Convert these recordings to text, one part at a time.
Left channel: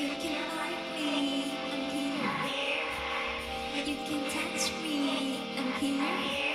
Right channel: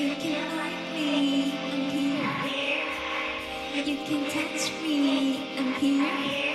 You can like me, I'm here. You can touch me, I'm here.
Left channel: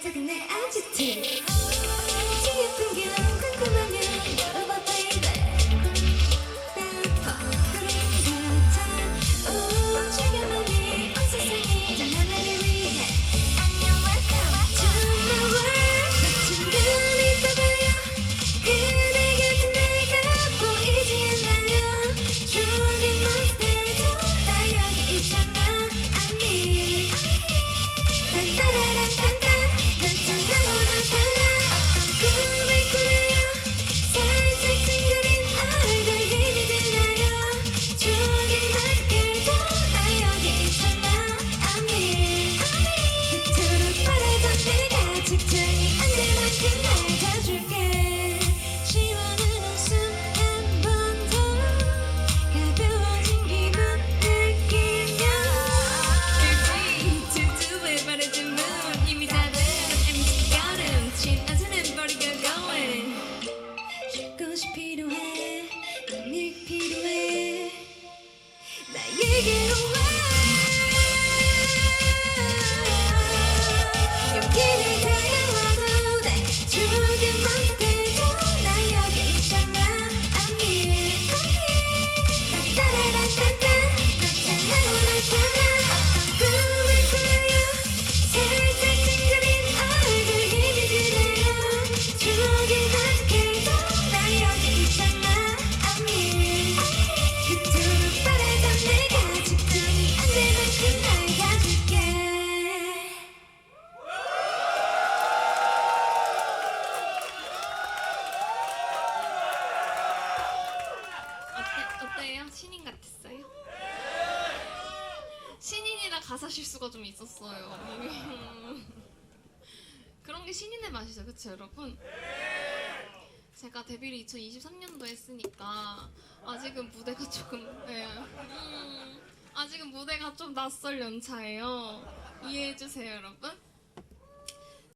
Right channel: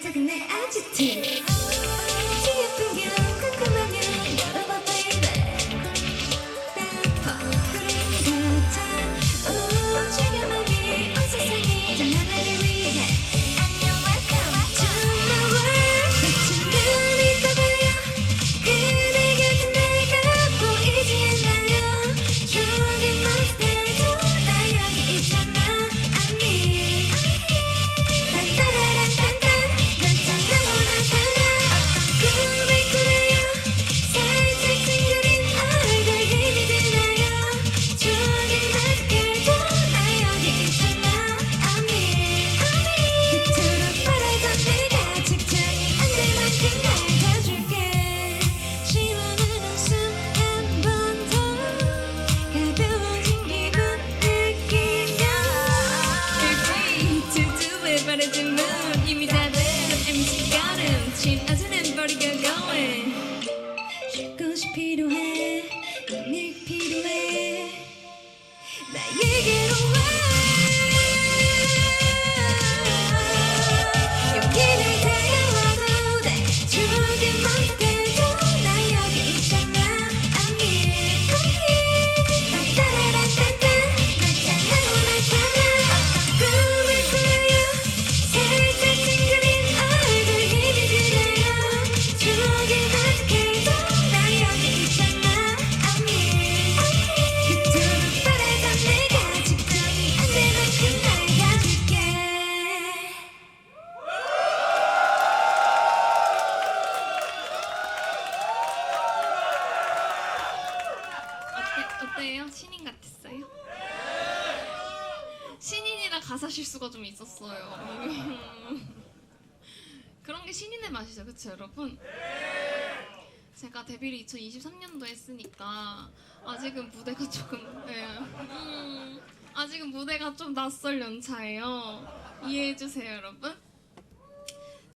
같아 근데 아주 티 begin. 가사 실수가 좀 있었어요. 그런 게 신인의 맛이죠, 그렇죠, 여러분? 제가 데뷔를 2023년도 했으니까 아직은 무대가 조금 네. 음, 아직은 무대가 좀 낯설 연차예요. 이해해 주세요, 여러분.